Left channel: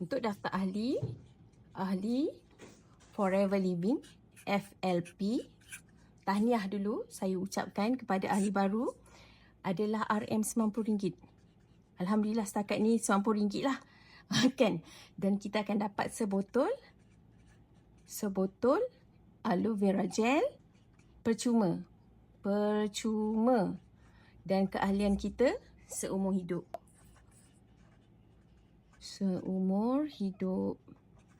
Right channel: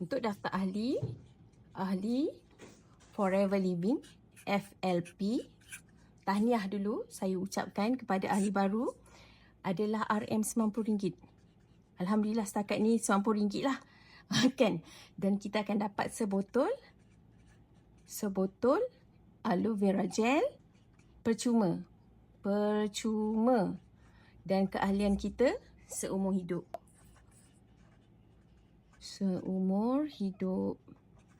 Untuk daftar ahli Forever Living FLP, tahniah dulu saya ucapkan kepada ahli baru adalah RM90. Alhamdulillah setakat ni RM90 lah. Kan? Dan kita akan dapat sebotol aloe vera gel percuma. Dan keahlian kita seumur hidup.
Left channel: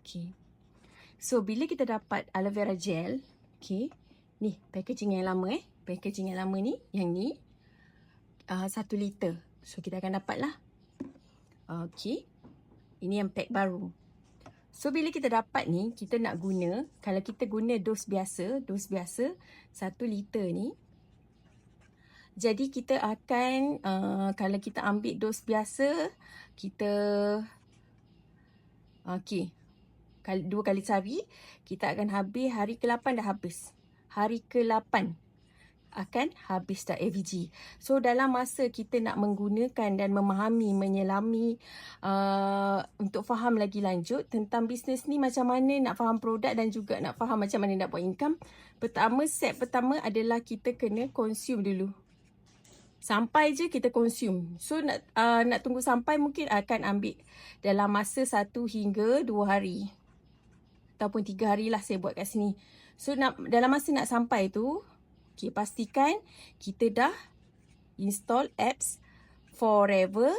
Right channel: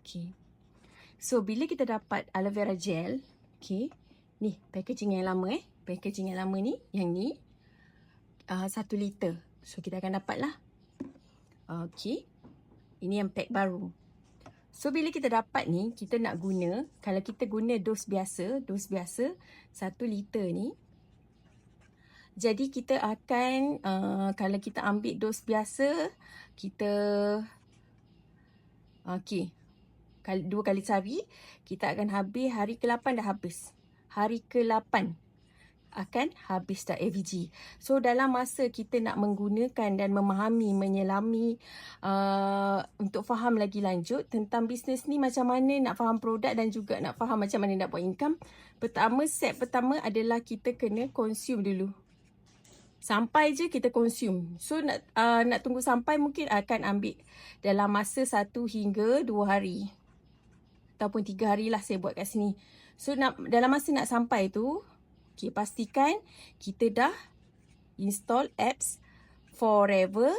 Okay. So bila kita dapat aloe vera gel, okay, ni packaging yang lama packaging yang lama ni, yang ni 1 liter. So kita akan dapat lah. Okay, ini yang pack baru. So bila kita dapat ni, kita nak guna, kalau kita guna dos biasa 1 liter ni, jadi kita akan kalau kita ambil dos biasa, kita kali 2 kali sehari, kita akan habis hari ke-8 dah habis. Hari ke-8 akan habis dah AVG. So dalam masa kita nak menggunakan dan memahami, menyelami untuk faham lagi lanjut tentang bisnes ni, macam mana nak faham produk dan juga nak faham macam mana nak buat income, step pertama adalah kita kena consume dulu. Sampai je kita consume. So nak tunggu sampai mungkin akan ambil dalam masa 1 hingga 2 hari. Ataupun 3 hari lah saya buat kat sini. So dalam masa nak sampai tu, okay, pastikan kita dah install apps Forever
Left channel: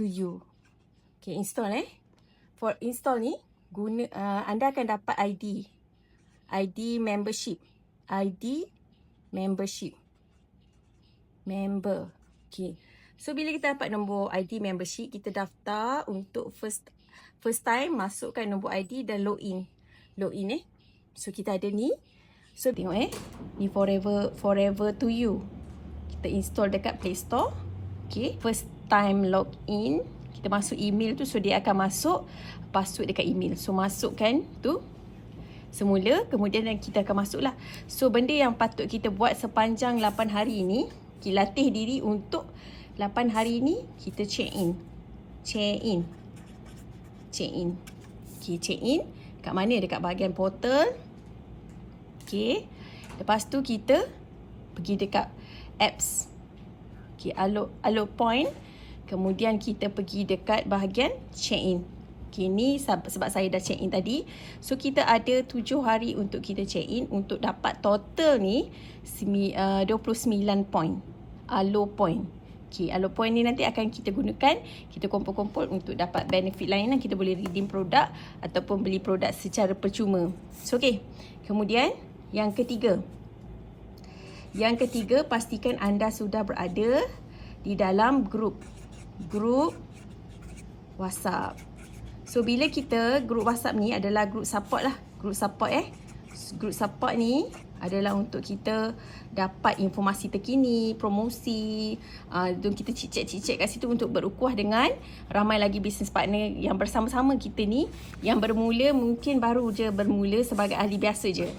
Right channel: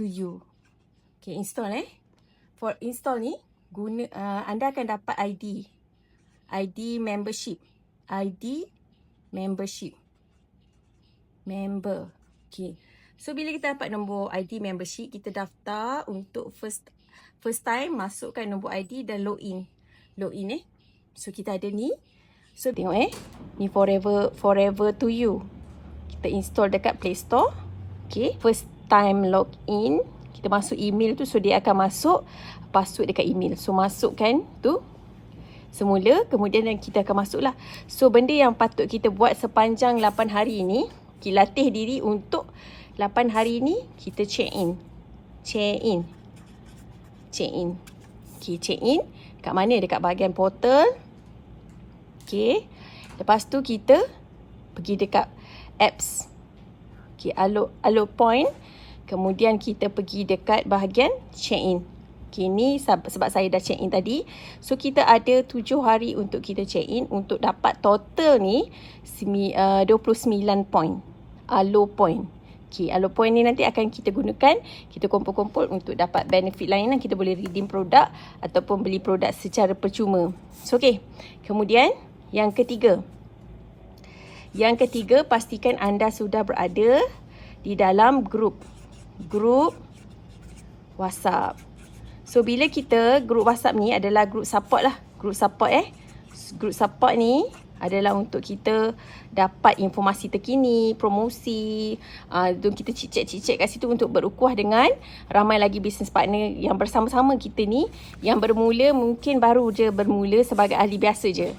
to You. Okay, install For install ni, anda akan dapat ID membership. Member. Okay. So bila kita dapat nombor ID membership, kita daftar untuk first time, masukkan nombor ID dan login. So kita ada ni. So tengok ni Forever to You. Kita install dekat Play Store. Okay. First time login, kita masuk email tu, so dia akan masuk password dekat email. So masukkan tu semula, kemudian kita akan masuklah. So benda yang patut kita buat sepanjang 8 hari ni, kita latih diri untuk 8 hari ni kita check in. Okay, check in kat mana? Dekat bahagian portal. Okay, lepas tu kita pergi dekat apps. Okay, Aloe Point. Kemudian kita pergi dekat bahagian check in. Okay, ni sebab saya dah check in tadi. So kita ada 7 hari untuk kita check in, untuk dapat total ni 29 point. Aloe Point. Okay, Aloe Point ni nanti akan kita gunakan, kita kumpul-kumpul untuk dapat benefit lain. Kita boleh redeem produk ataupun beli produk secara percuma. So okay, kemudian yang ketiga, pastikan anda sudah berada di dalam grup WhatsApp. So bila kita grup WhatsApp ni adalah grup support lah. Grup support ni adalah untuk kita dapat informasi terkini, promosi, dan kita cicit kat situ untuk berukhuwah dengan ramai lagi business partner yang bersama-sama kita ni, yang mungkin baru je bermula sebagai ahli biasa je.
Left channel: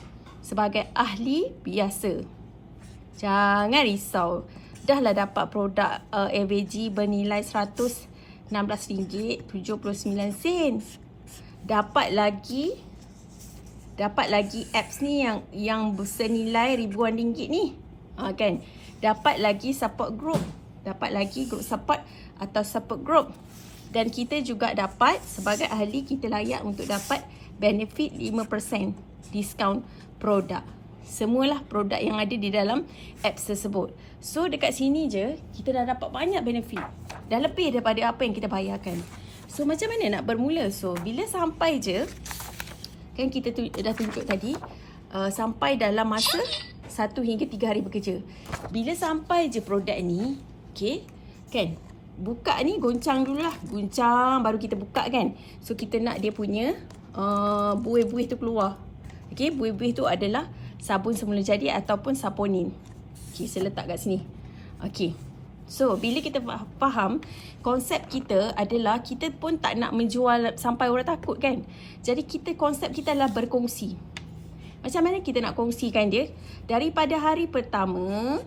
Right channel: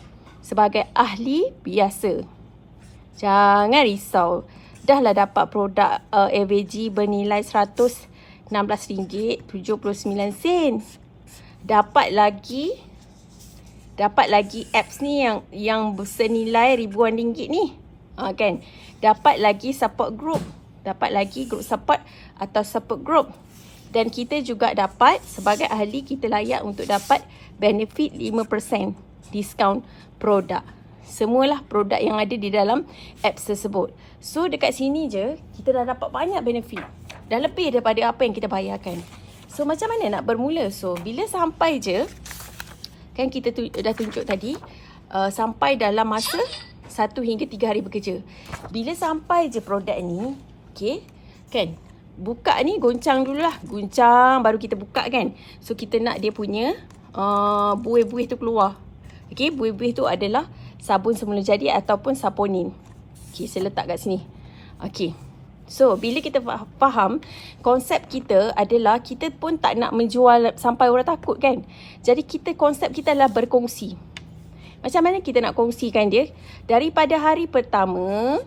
Jangan risau. Dah lah dapat produk AVG bernilai RM16.79. Dapat lagi apps ni yang senilai ribuan ringgit ni. Kan? Dapat lagi support group. Dapat lagi group support atau support group. Dan kita juga dapat, sebagai ahli, kita layak untuk dapat benefit 5% diskaun produk. Semualah produk yang ada di dalam apps tersebut. So dekat sini je kita dah dapat banyak benefit. Dah lebih daripada apa yang kita bayarkan. So macam mana nak bermula? So bila sampai je, kan kita dah tunjuk tadi, sampai dalam masa 1 hingga 3 hari bekerja. Bila sampai je produk ni, okay, kan, buka ni, goncang dululah. Goncang baru kita buka kan. So kita nak dia punya buih-buih tu keluar. Okay, buih-buih tu adalah sabun semula jadi ataupun saponin. Okay, saya letak kat sini. Okay. So, bila kita faham, konsep kita adalah kita pun tak nak menjual sampai orang takut kan. Jadi konsep kita adalah berkongsi. Macam mana kita nak kongsikan dia? Daripada hari pertama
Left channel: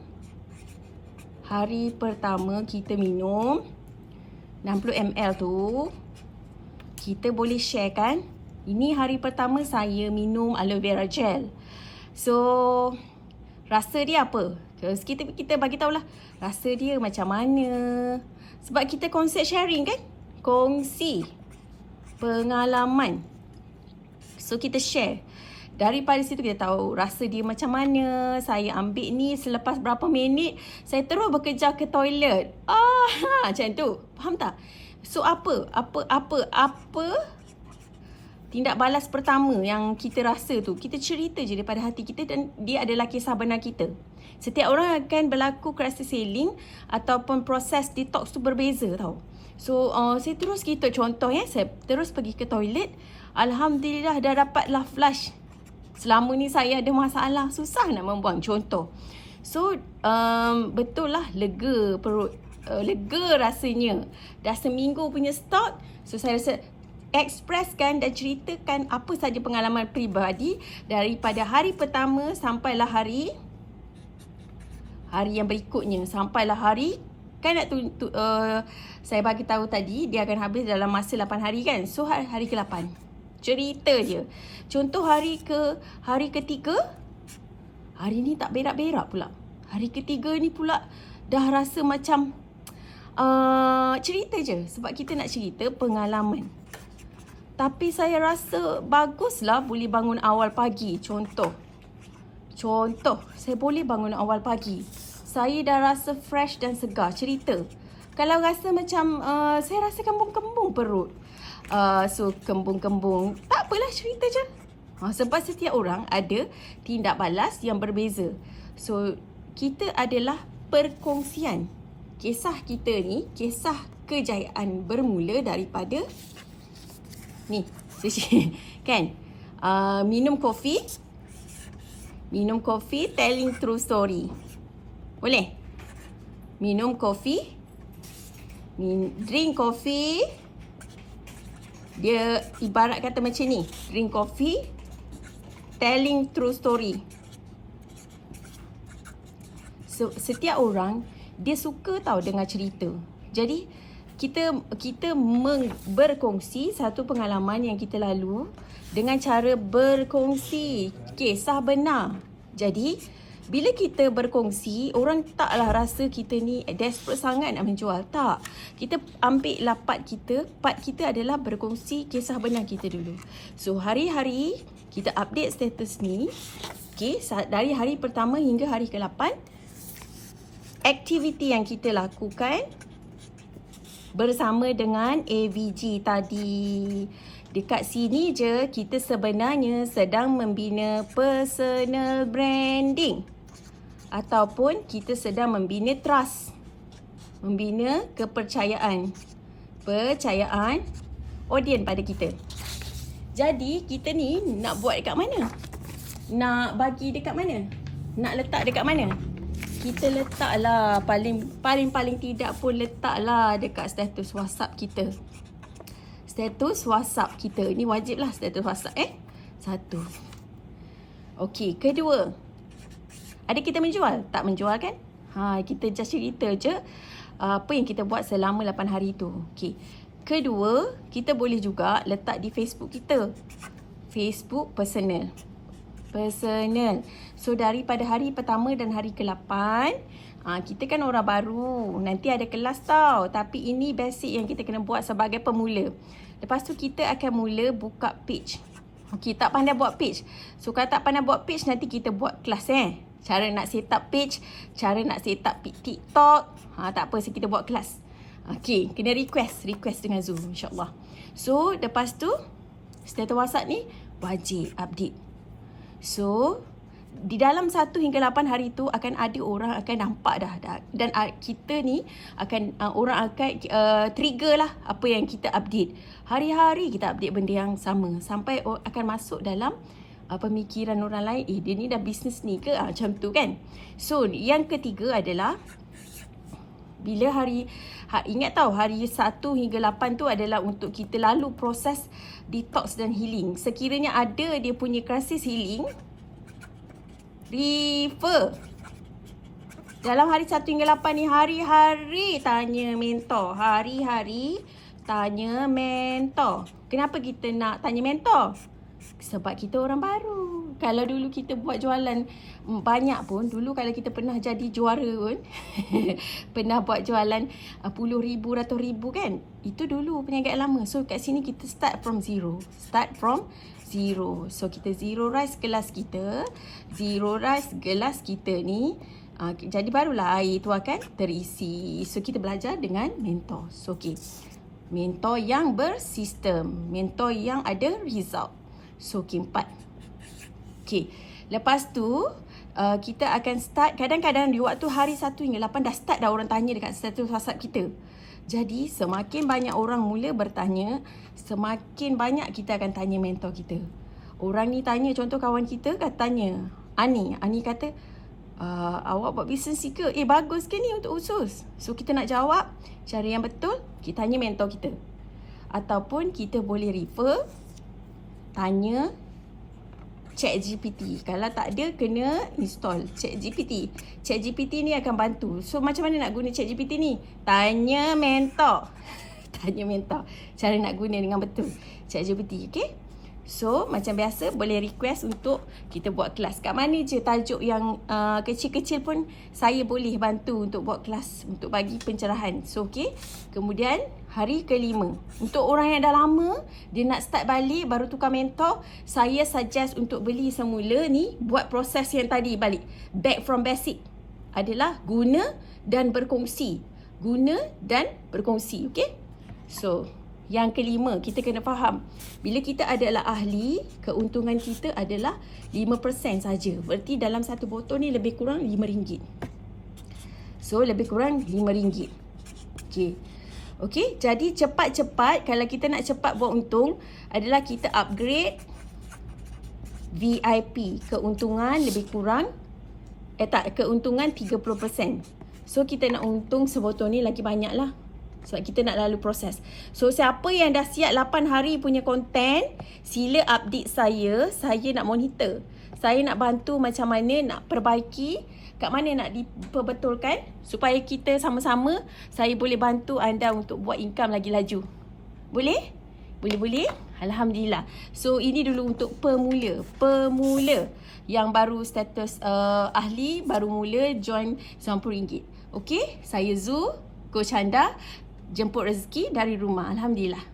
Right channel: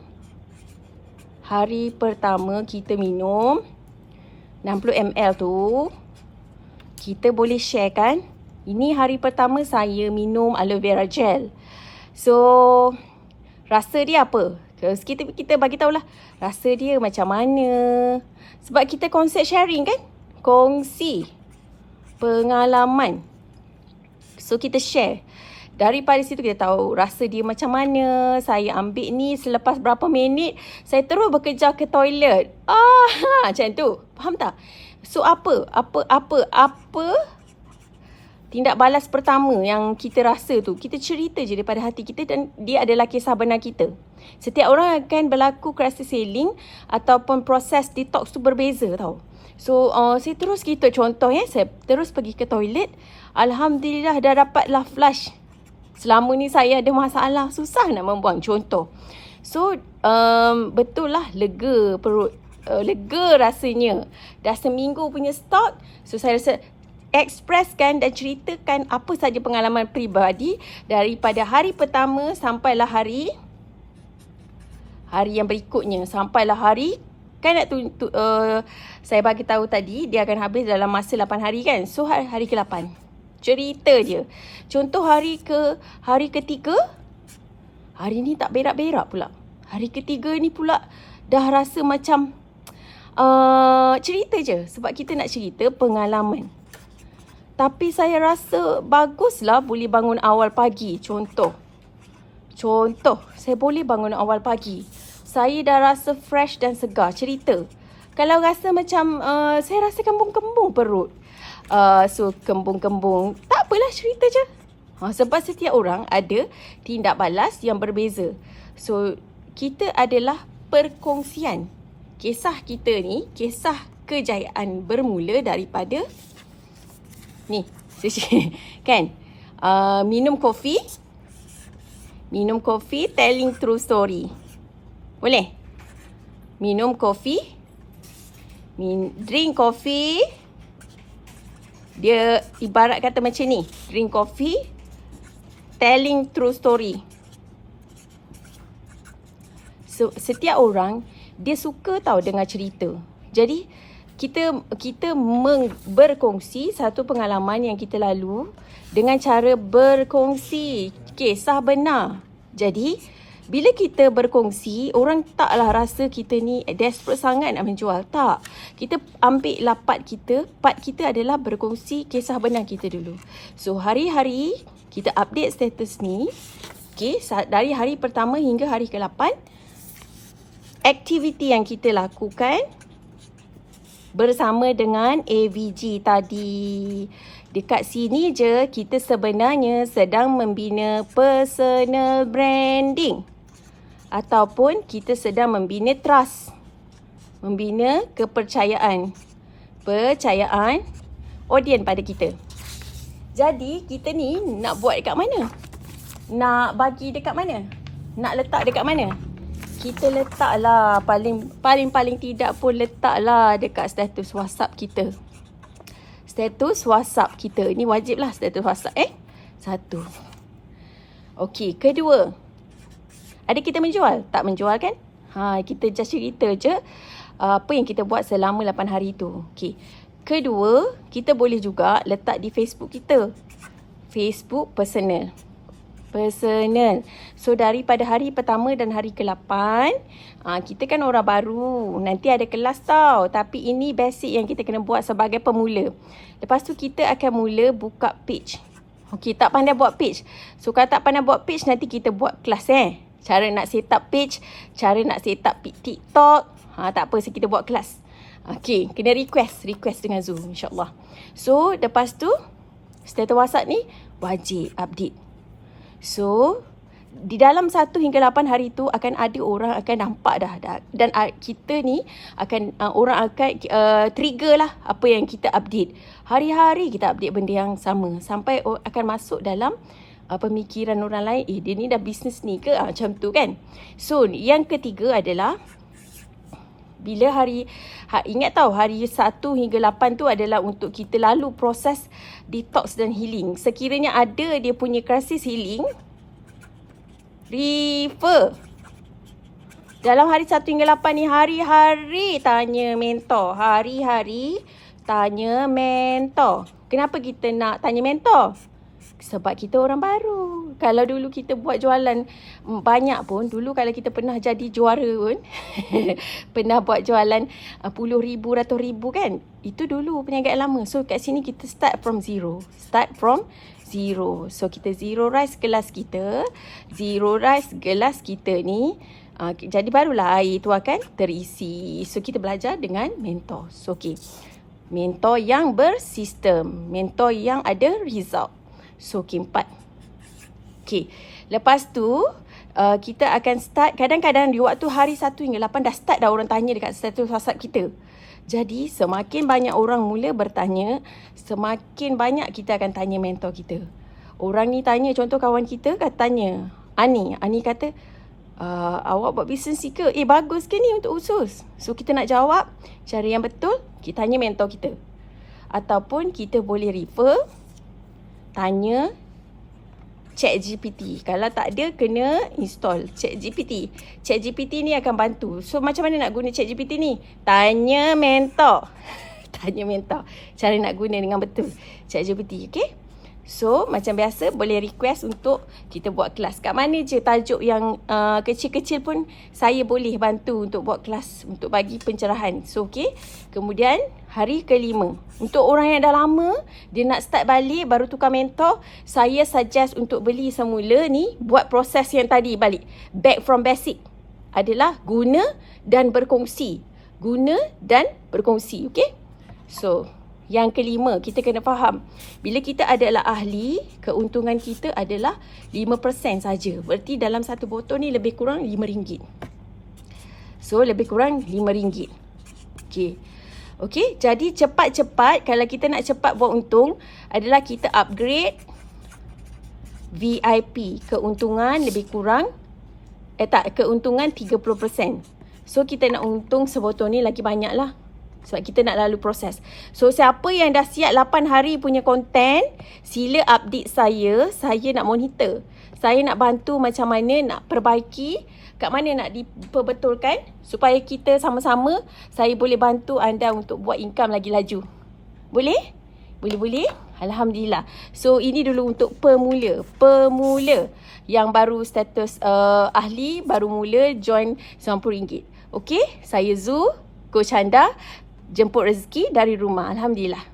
kita minum, 60 ml tu kita boleh share kan. Ini hari pertama saya minum aloe vera gel. So rasa dia apa? Kita bagi tahulah rasa dia macam mana. Sebab kita konsep sharing kan? Kongsi pengalaman. So kita share. Daripada situ kita tahu rasa dia macam mana. Saya ambil ni selepas berapa minit saya terus bekerja ke toilet. Macam tu. Faham tak? So apa tindak balas pertama yang kita rasa tu, kita cerita je daripada hati kita dan dia adalah kisah benar kita. Setiap orang akan berlaku rasa sailing ataupun proses detox tu berbeza tau. So saya terus cerita contoh saya terus pergi ke toilet. Alhamdulillah dah dapatlah flush. Selama ni saya ada masalah, susah nak membuang, contoh. So betul lah lega perut, lega rasanya. Dah seminggu punya stok. So saya rasa ekspreskan dan ceritakan apa saja pengalaman peribadi daripada hari pertama sampailah hari yang berikutnya, sampailah hari kan saya bagi tahu tadi dia akan habis dalam masa 8 hari kan. So hari ke-8 cerita je. Contoh hari ketiga, hari ni tak berak-berak pula. Hari ketiga ni pula dah rasa macam cerita je sebab kita nak cerita pengalaman. Tapi saya rasa baguslah boleh bangun awal pagi. Contoh, saya boleh bangun awal pagi. Saya dah rasa fresh dan segar, cerita. Kalau rasa macam saya rasa kembung-kembung perut. So kembung-kembung, tak apalah, cerita je. Sebab setiap orang ada tindak balas yang berbeza. So kita adalah perkongsian. Kisah kita ni, kisah kejayaan bermula daripada ni, kan? Minum kopi, telling true story. Boleh? Minum kopi, drink kopi. Dia ibarat kata macam ni, drink kopi, telling true story. So, setiap orang dia suka tahu dengar cerita. Jadi kita berkongsi satu pengalaman yang kita lalu dengan cara berkongsi kisah benar. Jadi bila kita berkongsi, orang taklah rasa kita ni desperate sangat nak menjual. Tak. Kita ambil part kita adalah berkongsi kisah benar kita dulu. So hari-hari kita update status ni. Okay, dari hari pertama hingga hari ke-8, aktiviti yang kita lakukan bersama dengan AVG tadi. Dekat sini je kita sebenarnya sedang membina personal branding. Ataupun kita sedang membina trust. Membina kepercayaan. Percayaan audien pada kita. Jadi kita ni nak buat dekat mana? Nak bagi dekat mana? Nak letak dekat mana? Kita letaklah paling tidak pun letaklah dekat status WhatsApp kita. Status WhatsApp kita. Ini wajib lah status WhatsApp. Satu. Okey, kedua. Ada kita menjual? Tak menjual kan? Kita just cerita je apa yang kita buat selama 8 hari tu. Okey. Kedua, kita boleh juga letak di Facebook kita. Facebook personal. So daripada hari pertama dan hari ke-8, kita kan orang baru. Nanti ada kelas tau. Tapi ini basic yang kita kena buat sebagai pemula. Lepas tu kita akan mula buka page. Okey, tak pandai buat page. So kalau tak pandai buat page, nanti kita buat kelas Cara nak set up page, cara nak set up TikTok. Tak apa, kita buat kelas. Okey, kena request dengan Zoom, insyaAllah. So lepas tu status WhatsApp ni wajib update. So di dalam 1 hingga 8 hari tu akan ada orang akan nampak dah. Dan kita ni akan orang akan trigger lah apa yang kita update. Hari-hari kita update benda yang sama sampai akan masuk dalam pemikiran orang lain. Dia ni dah bisnes ni ke? Macam tu kan. So yang ketiga adalah bila ingat tahu hari 1 hingga 8 tu adalah untuk kita lalu proses detox dan healing. Sekiranya ada dia punya krisis healing, refer Dalam hari 1 hingga 8 ni, hari-hari tanya mentor. Hari-hari tanya mentor. Kenapa kita nak tanya mentor? Sebab kita orang baru. Kalau dulu kita buat jualan banyak pun, dulu kalau kita pernah jadi juara pun, pernah buat jualan puluh ribu, ratus ribu kan, itu dulu perniagaan lama. So kat sini kita start from zero. So kita zero rice gelas kita. Ni jadi barulah air tu akan terisi. So kita belajar dengan mentor. So okay, mentor yang bersistem, mentor yang ada result. So okay, 4. Okay, lepas tu kita akan start. Kadang-kadang di waktu hari 1 hingga 8 dah start dah orang tanya dekat status WhatsApp kita. Jadi semakin banyak orang mula bertanya, semakin banyak kita akan tanya mentor kita. Orang ni tanya, contoh kawan kita tanya Ani kata, awak buat bisnes ni ke? Bagus ke ni untuk usus? So kita nak jawab cara yang betul, kita tanya mentor kita. Ataupun kita boleh refer, tanya ChatGPT. Kalau tak ada, kena install ChatGPT. ChatGPT ni akan bantu. So macam mana nak guna ChatGPT ni? Tanya mentor. Tanya mentor cara nak guna dengan betul ChatGPT. Okay? So macam biasa, boleh request untuk kita buat kelas. Kat mana je tajuk yang kecil-kecil pun saya boleh bantu untuk buat kelas, untuk bagi pencerahan. So okay. Kemudian hari ke-5, untuk orang yang dah lama dia nak start balik, baru tukar mentor, saya suggest untuk beli semula ni, buat proses yang tadi balik. Back from basic adalah guna dan berkongsi. Guna dan berkongsi. Okay. So yang ke-5, kita kena faham, bila kita adalah ahli, keuntungan kita adalah 5% saja. Berarti dalam satu botol ni lebih kurang RM5. So lebih kurang RM5. Okay. Okay, jadi cepat-cepat, kalau kita nak cepat buat untung, adalah kita upgrade VIP. Keuntungan lebih kurang, keuntungan 30%. So kita nak untung sebotol ni lagi banyak lah. Sebab kita nak lalu proses. So siapa yang dah siap 8 hari punya konten, sila update saya. Saya nak monitor. Saya nak bantu macam mana nak perbaiki, kat mana nak diperbetulkan, supaya kita sama-sama, saya boleh bantu anda untuk buat income lagi laju. Boleh? Boleh? Alhamdulillah. So ini dulu untuk pemula yang baru status ahli, baru mula join RM90. Okay, saya Zu, Coach Handa, jemput rezeki dari rumah. Alhamdulillah.